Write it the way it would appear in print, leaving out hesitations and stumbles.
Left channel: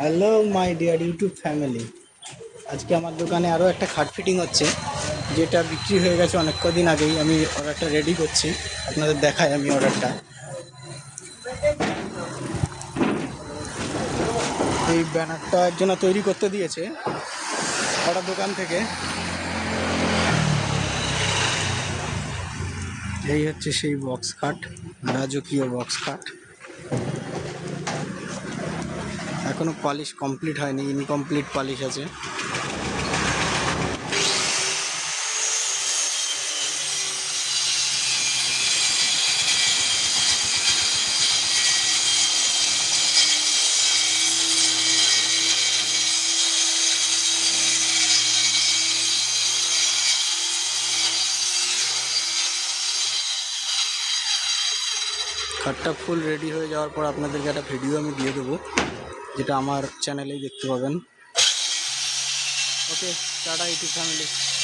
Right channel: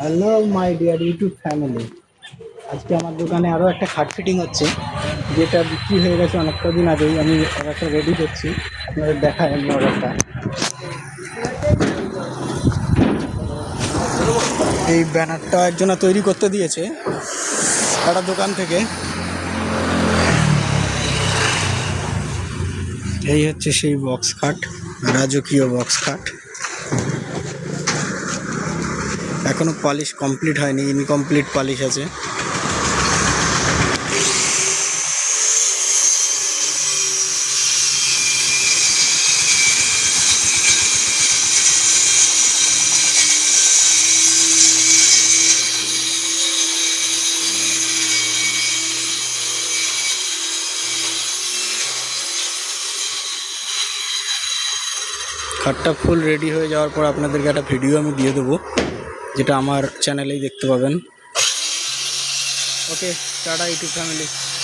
Hello my dear YouTube family. আজকে আমার দোকানে আরও একটা খাট ফিটিং হচ্ছে, যেটা বিক্রি হয়ে গেছে অনেক কদিন আগেই। আমি অর্ডারটা রেডি করছি, আপনাদের দেখাই আমি অর্ডারটা। এই ব্যানারটা একজনা তৈরি করতে দিয়েছে একটা দোকান থেকে। এই হচ্ছে সেই বক্স খাট, রাজকীয় বক্স খাট। এখনো পলিশ কমপ্লিট হয়নি, ইনকমপ্লিট পলিশ আছে। খাটটা ফুল রেডি হয়ে যাওয়ার পর আপনাদেরকে একটা ভিডিও আমি দিয়ে দেবো, যেটা আমার চ্যানেলেই দেখতে পাবেন। ওকে, টাটা ইউটিউব ফ্যামিলি।